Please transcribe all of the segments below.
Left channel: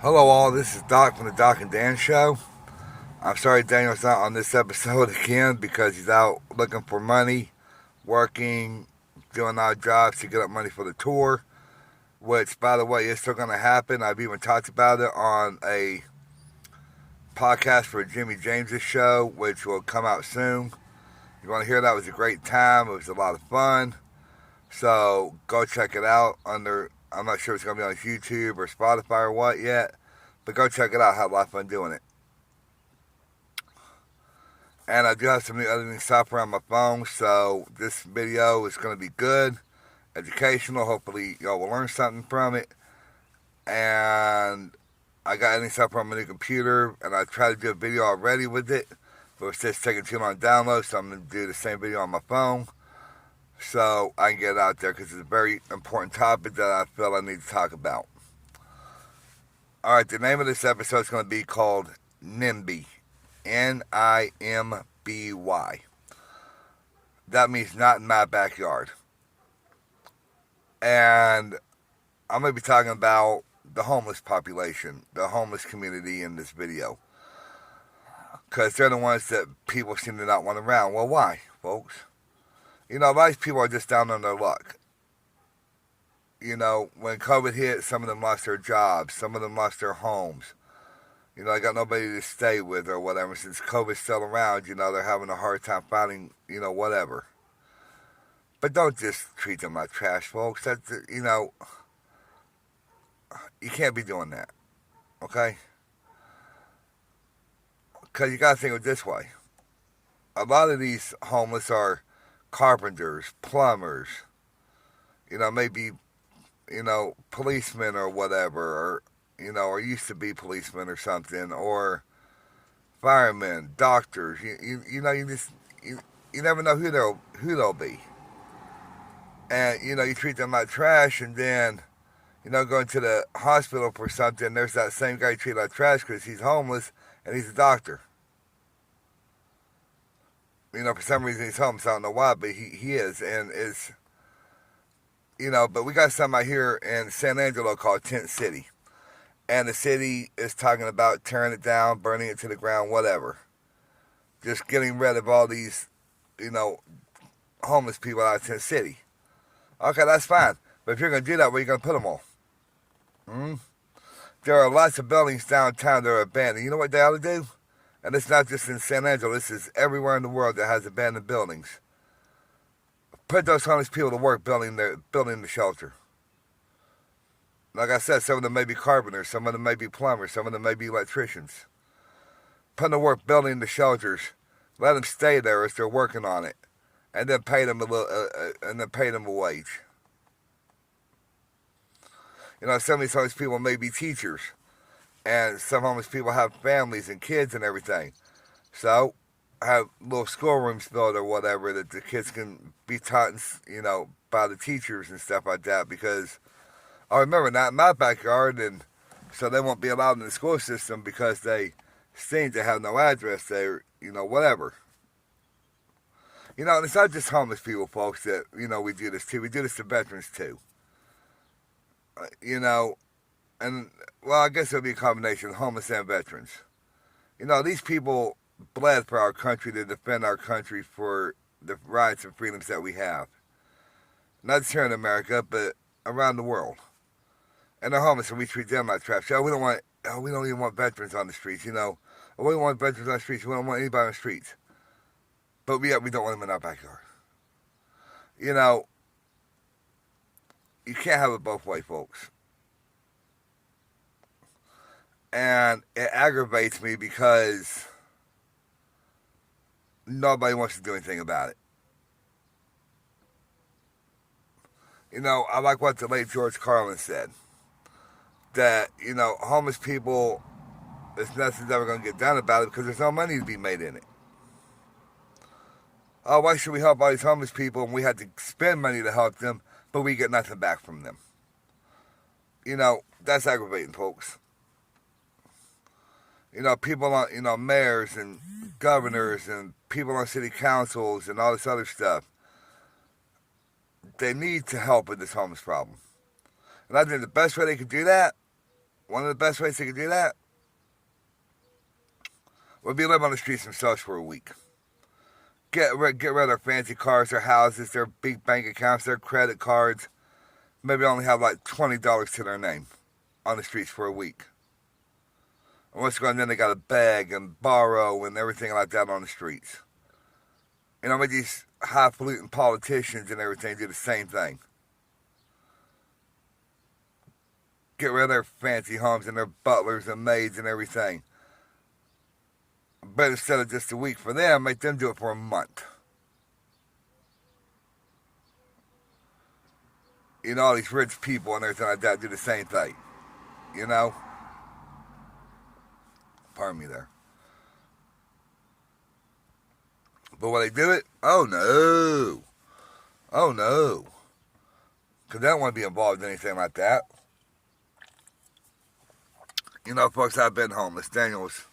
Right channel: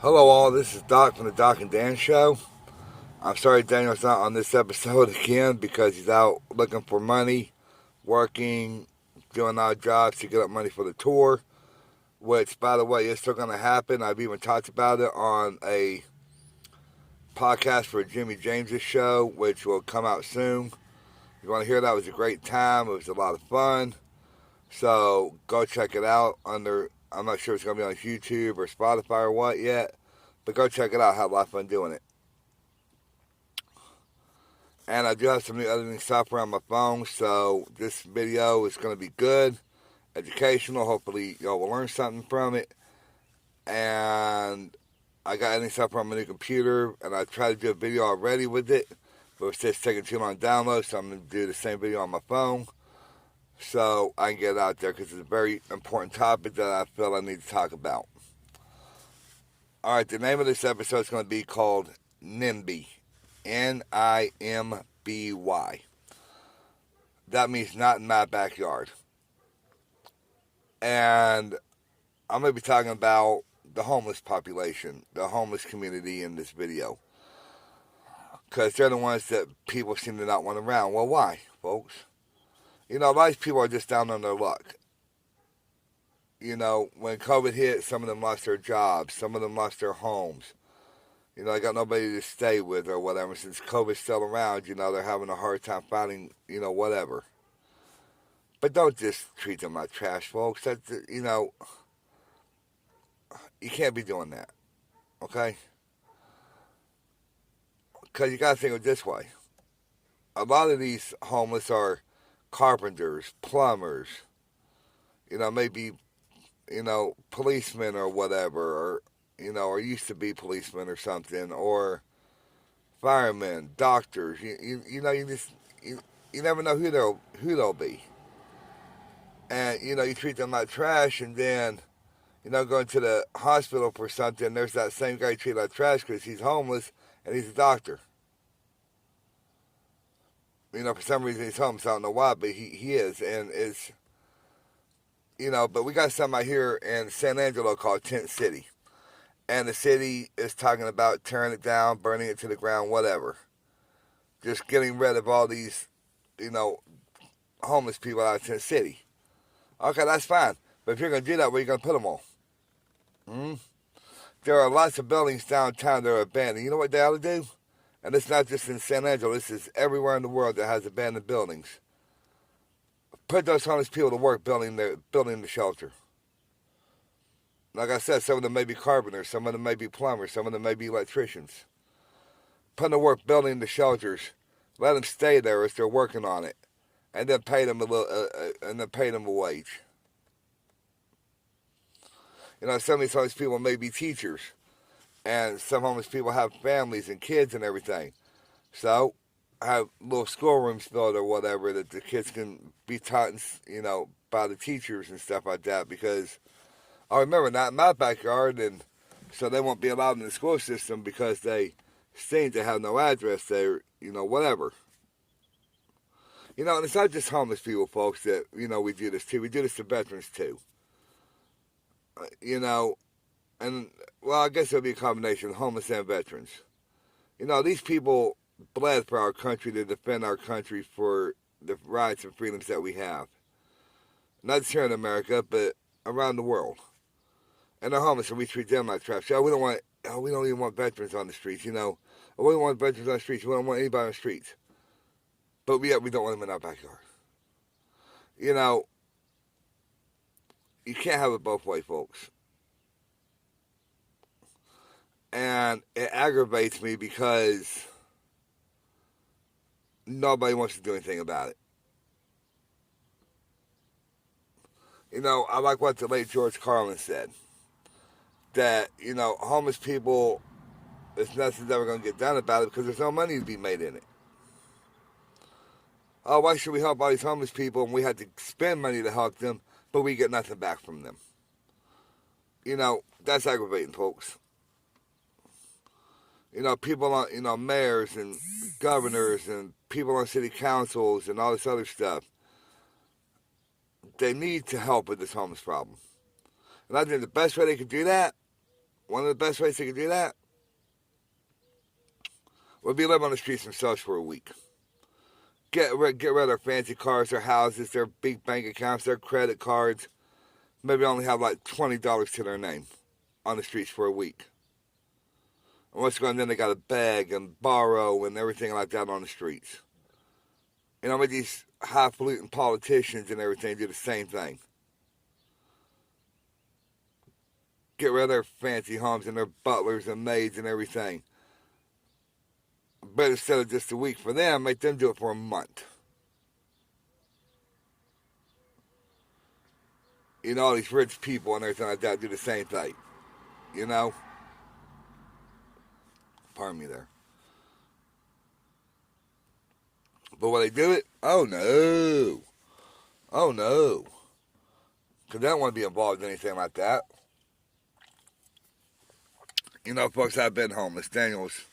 Hello, all. This is Doc from the Doc and Dan Show. I'm sorry Daniel's not on this episode again because he's out looking for money, working, doing odd jobs to get up money for the tour, which, by the way, is still going to happen. I've even talked about it on a podcast for Jimmy James's show, which will come out soon. If you want to hear that, it was a great time. It was a lot of fun. So go check it out I'm not sure if it's going to be on YouTube or Spotify or what yet, but go check it out. I had a lot of fun doing it. And I do have some new editing software on my phone, so this video is going to be good, educational. Hopefully, y'all will learn something from it. And I got editing software on my new computer, and I tried to do a video already with it, but it's just taking too long to download, so I'm going to do the same video on my phone so I can get it out there because it's a very important topic that I feel I need to talk about. Alright, the name of this episode is going to be called N.I.M.B.Y. N-I-M-B-Y. That means not in my backyard. And I'm going to be talking about the homeless population, the homeless community in this video. Because they're the ones that people seem to not want around. Well, why, folks? You know, a lot of people are just down on their luck. You know, when COVID hit, some of them lost their jobs. Some of them lost their homes. You know, I got nobody to stay with or whatever. Since COVID's still around, you know, they're having a hard time finding, you know, whatever. But don't just treat them like trash, folks. That's, you know, you can't be doing that, okay? Because you got to think of it this way. A lot of these homeless are carpenters, plumbers, you know, maybe, you know, policemen or whatever, or, you know, or used to be policemen or something, or firemen, doctors. You know, you never know who they'll be. And, you know, you treat them like trash, and then, you know, going to the hospital for something, there's that same guy you treat like trash because he's homeless and he's a doctor. You know, for some reason he's homeless. I don't know why, but he is. And it's, you know, but we got something out here in San Angelo called Tent City. And the city is talking about tearing it down, burning it to the ground, whatever. Just getting rid of all these, you know, homeless people out of Tent City. Okay, that's fine. But if you're going to do that, where are you going to put them all? Hmm? There are lots of buildings downtown that are abandoned. You know what they ought to do? And it's not just in San Angelo. This is everywhere in the world that has abandoned buildings. Put those homeless people to work building the shelter. Like I said, some of them may be carpenters, some of them may be plumbers, some of them may be electricians. Put them to work building the shelters. Let them stay there as they're working on it, and then pay them a wage. You know, some of these homeless people may be teachers, and some homeless people have families and kids and everything. So, have little schoolrooms built or whatever that the kids can be taught, you know, by the teachers and stuff like that. Because I remember not in my backyard, and so they won't be allowed in the school system because they seem to have no address there, you know, whatever. You know, and it's not just homeless people, folks, that, you know, we do this to. We do this to veterans, too. You know, and, well, I guess it'll be a combination, homeless and veterans. You know, these people bled for our country to defend our country for the rights and freedoms that we have. Not just here in America, but around the world. And they're homeless, and we treat them like trash. We don't even want veterans on the streets, you know. We don't want veterans on the streets. We don't want anybody on the streets. But we don't want them in our backyard. You know, you can't have it both ways, folks. And it aggravates me because nobody wants to do anything about it. You know, I like what the late George Carlin said. That, you know, homeless people, there's nothing's ever going to get done about it because there's no money to be made in it. Oh, why should we help all these homeless people and we have to spend money to help them, but we get nothing back from them? You know, that's aggravating, folks. You know, people on, you know, mayors and governors and people on city councils and all this other stuff, they need to help with this homeless problem. And I think the best way they could do that One of the best ways they could do that would be live on the streets themselves for a week. Get rid of their fancy cars, their houses, their big bank accounts, their credit cards. Maybe only have like $20 to their name on the streets for a week. And what's going on then? They got to beg and borrow and everything like that on the streets. You know, with these highfalutin politicians and everything do the same thing. Get rid of their fancy homes and their butlers and maids and everything. But instead of just a week for them, make them do it for a month. You know, all these rich people and everything like that do the same thing. You know? Pardon me there. But when they do it, oh no. Oh no. Because they don't want to be involved in anything like that. You know, folks, I've been homeless. Daniel's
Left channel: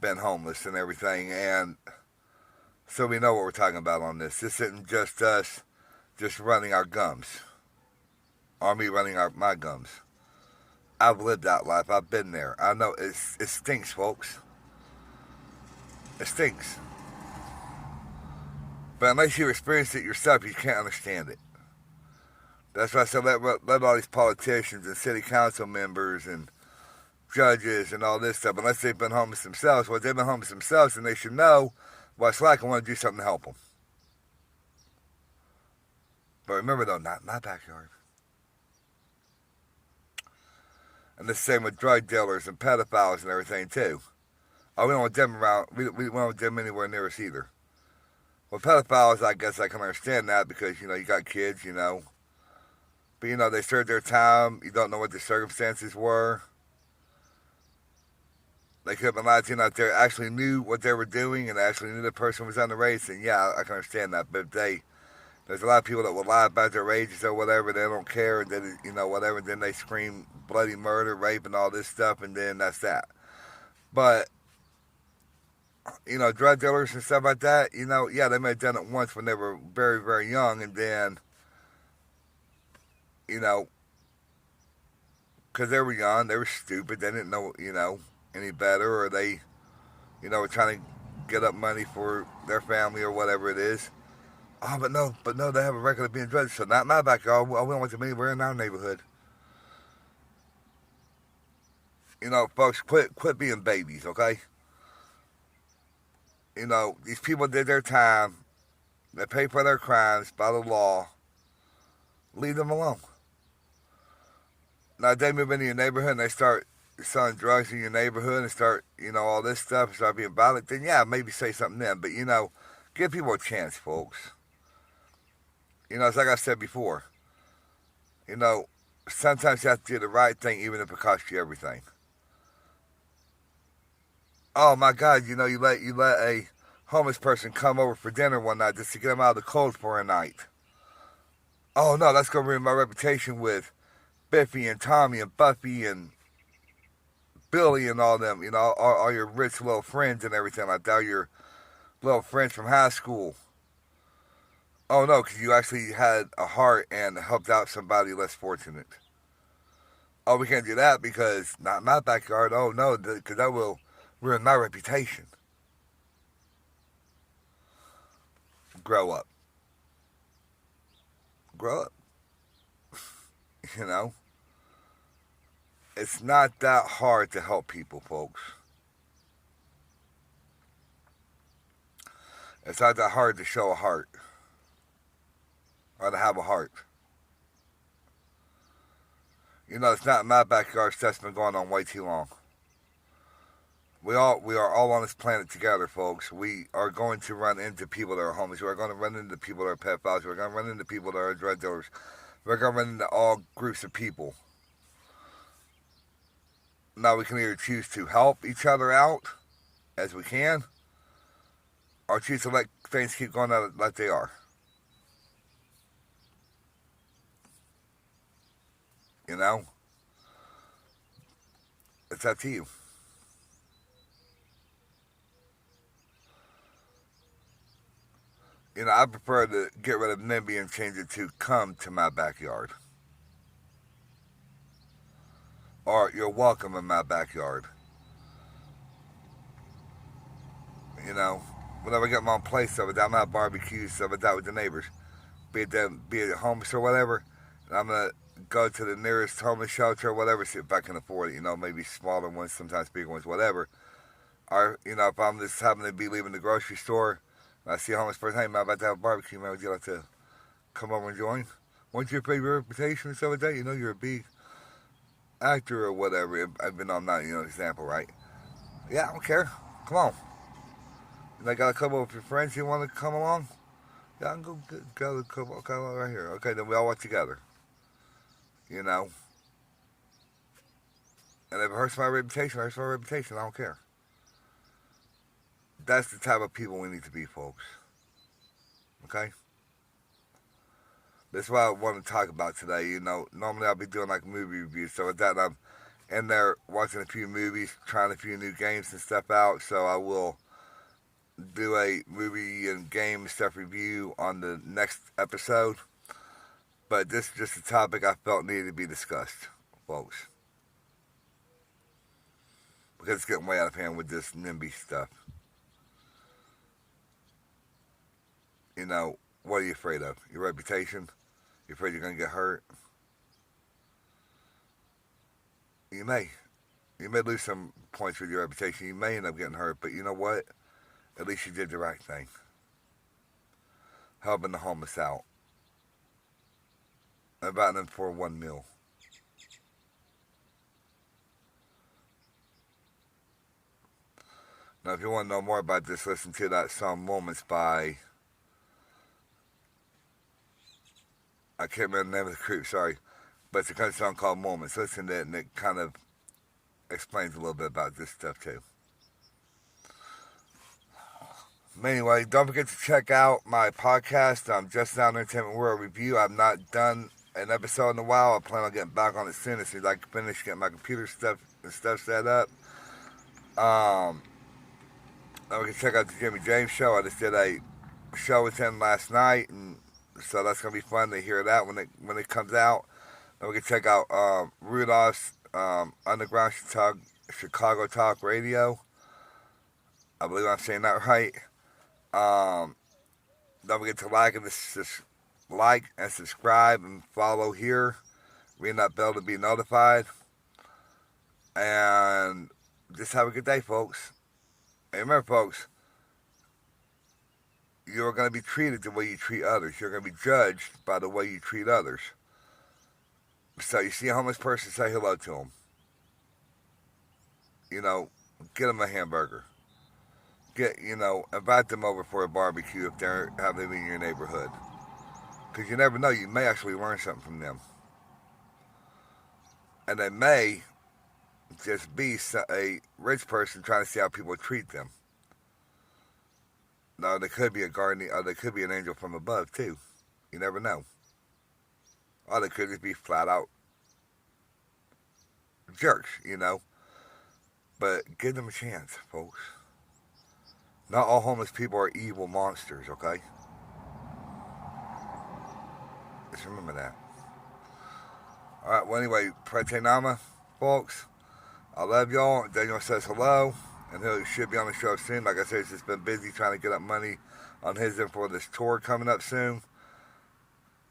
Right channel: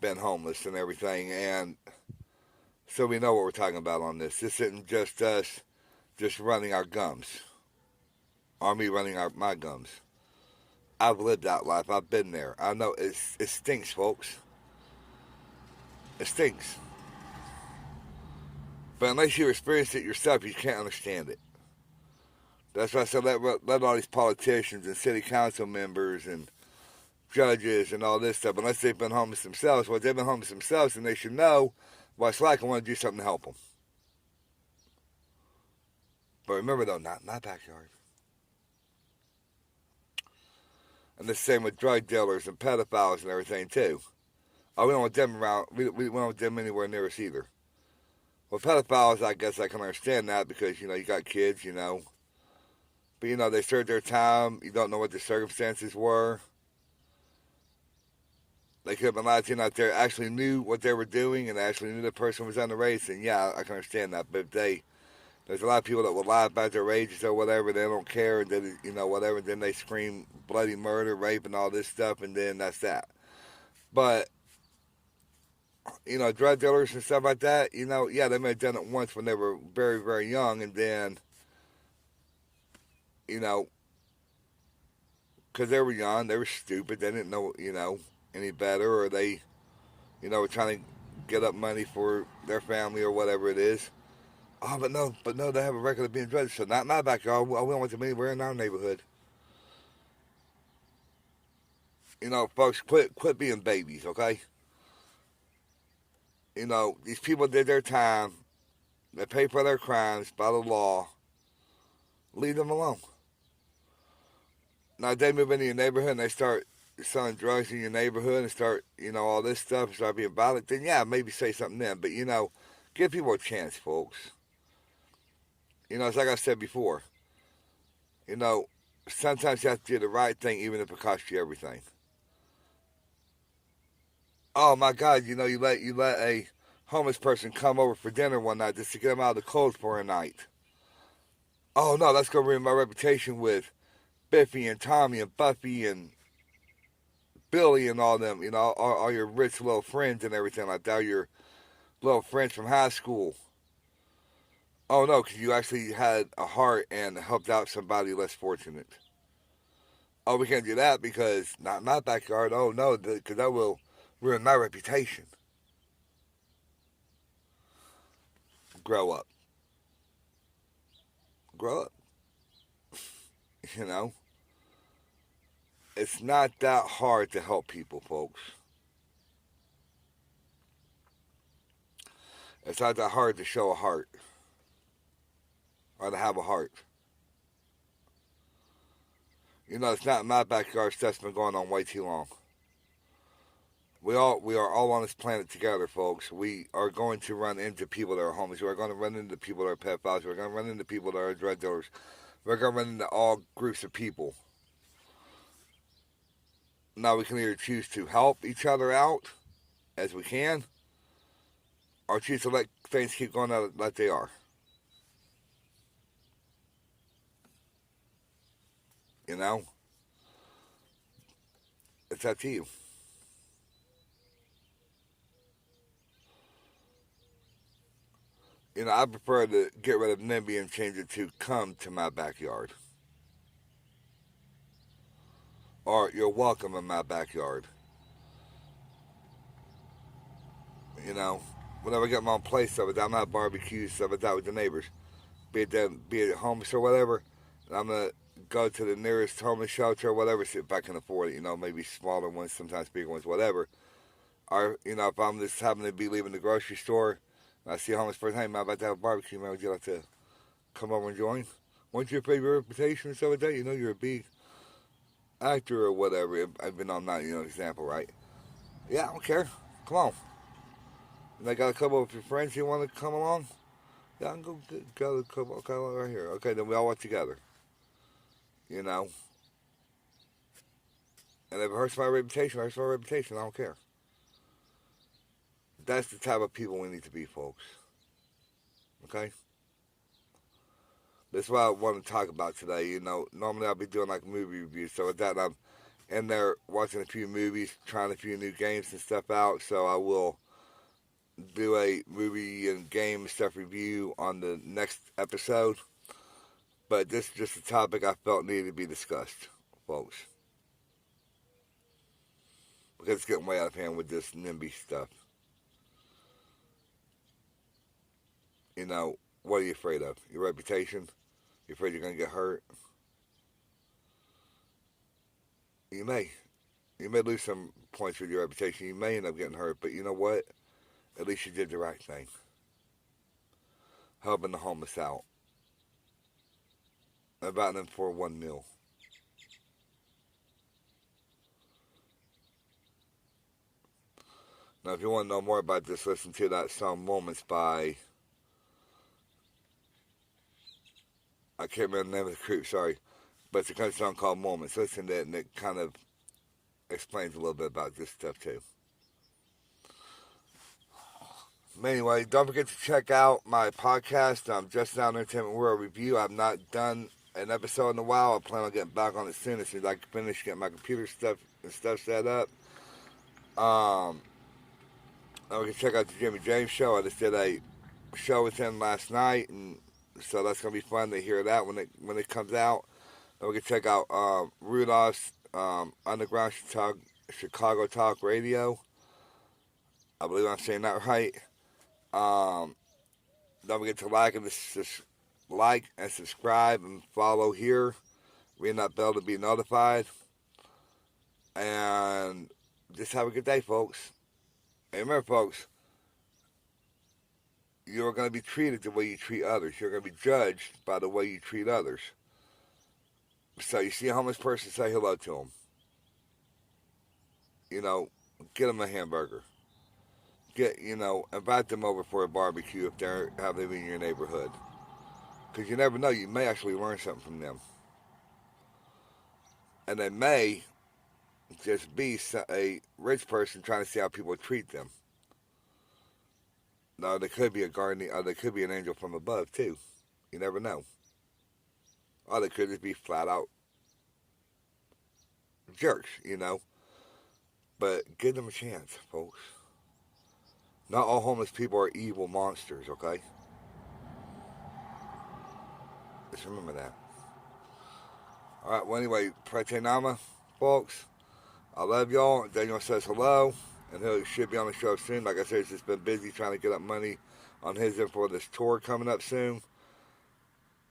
been homeless and everything. And so we know what we're talking about on this. This isn't just us just running our gums. Or me running my gums. I've lived that life. I've been there. I know it stinks, folks. It stinks. But unless you experience it yourself, you can't understand it. That's why I said let all these politicians and city council members and judges and all this stuff, unless they've been homeless themselves, well, if they've been homeless themselves, then they should know what it's like and want to do something to help them. But remember, though, not in my backyard. And the same with drug dealers and pedophiles and everything, too. Oh, we don't want them around. We don't want them anywhere near us either. Well, pedophiles, I guess I can understand that because, you know, you got kids, you know. But, you know, they served their time. You don't know what the circumstances were. They could have been lied to, you know, if they actually knew what they were doing and actually knew the person was underage, and yeah, I can understand that. But if there's a lot of people that will lie about their ages or whatever, they don't care, and then, you know, whatever, then they scream bloody murder, rape, and all this stuff, and then that's that. But, you know, drug dealers and stuff like that, you know, yeah, they may have done it once when they were very, very young, and then, you know, because they were young, they were stupid, they didn't know, you know, any better, or they, you know, were trying to get up money for their family or whatever it is. Oh, but no, they have a record of being drugged, so not in my backyard. We don't want them anywhere in our neighborhood. You know, folks, quit being babies, okay? You know, these people did their time. They pay for their crimes by the law. Leave them alone. Now, if they move into your neighborhood and they start selling drugs in your neighborhood and start, you know, all this stuff and start being violent, then yeah, maybe say something then. But, you know, give people a chance, folks. You know, it's like I said before. You know, sometimes you have to do the right thing even if it costs you everything. Oh my God, you know, you let a homeless person come over for dinner one night just to get them out of the cold for a night. Oh no, that's gonna ruin my reputation with Biffy and Tommy and Buffy and Billy and all them, you know, all your rich little friends and everything like that, all your little friends from high school. Oh no, because you actually had a heart and helped out somebody less fortunate. Oh, we can't do that because not in my backyard. Oh no, because that will ruin my reputation. Grow up. Grow up. You know? It's not that hard to help people, folks. It's not that hard to show a heart or to have a heart. You know, it's not in my backyard. Stuff's been going on way too long. We are all on this planet together, folks. We are going to run into people that are homeless. We are going to run into people that are pedophiles. We're going to run into people that are drug dealers. We're going to run into all groups of people. Now we can either choose to help each other out as we can, or choose to let things keep going like they are. You know, it's up to you. You know, I prefer to get rid of NIMBY and change it to come to my backyard. or you're welcome in my backyard. You know, whenever I get my own place, stuff like that, I'm gonna have barbecues, stuff like that with the neighbors, be it homeless or whatever. And I'm gonna go to the nearest homeless shelter or whatever, see if I can afford it. You know, maybe smaller ones, sometimes bigger ones, whatever. Or you know, if I'm just happen to be leaving the grocery store, and I see a homeless person, hey man, I'm about to have a barbecue, man, would you like to come over and join? What's your favorite reputation and stuff like that? You know, you're a big actor or whatever. I've been on that, you know, example, right? Yeah, I don't care. Come on. And I got a couple of your friends you want to come along? Yeah, I can go a couple right here. Okay, then we all work together. You know? And if it hurts my reputation, it hurts my reputation. I don't care. That's the type of people we need to be, folks. Okay? That's what I want to talk about today. You know, normally I'll be doing like movie reviews. So with that, I'm in there watching a few movies, trying a few new games and stuff out. So I will do a movie and game stuff review on the next episode. But this is just a topic I felt needed to be discussed, folks. Because it's getting way out of hand with this NIMBY stuff. You know, what are you afraid of? Your reputation? You're afraid you're going to get hurt? You may. You may lose some points with your reputation. You may end up getting hurt. But you know what? At least you did the right thing. Helping the homeless out. Inviting them for one meal. Now, if you want to know more about this, listen to that song Moments by... I can't remember the name of the group, sorry. But it's a country song called Moments. Listen to it, and it kind of explains a little bit about this stuff, too. Anyway, don't forget to check out my podcast, Just Now Entertainment World Review. I've not done an episode in a while. I plan on getting back on it soon as soon as I can finish getting my computer stuff set up. Then we can check out the Jimmy James show. I just did a show with him last night, and so that's gonna be fun to hear that when it comes out. Then we can check out Rudolph's Underground Chicago Talk Radio. I believe I'm saying that right. Don't forget to like and subscribe and follow here. Ring that bell to be notified. And just have a good day, folks. And remember, folks, you're going to be treated the way you treat others. You're going to be judged by the way you treat others. So you see a homeless person, say hello to them. You know, get them a hamburger. Invite them over for a barbecue if they're having in your neighborhood. Because you never know, you may actually learn something from them. And they may just be a rich person trying to see how people treat them. Now, they could be a guardian, or they could be an angel from above, too. You never know. Or they could just be flat out jerks, you know. But give them a chance, folks. Not all homeless people are evil monsters, okay? Just remember that. Alright, well, anyway, Prete Nama, folks. I love y'all. Daniel says hello. And he should be on the show soon. Like I said, he's just been busy trying to get up money on his end for this tour coming up soon.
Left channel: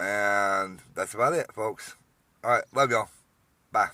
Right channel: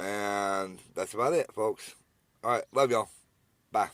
And that's about it, folks. Alright, love y'all. Bye.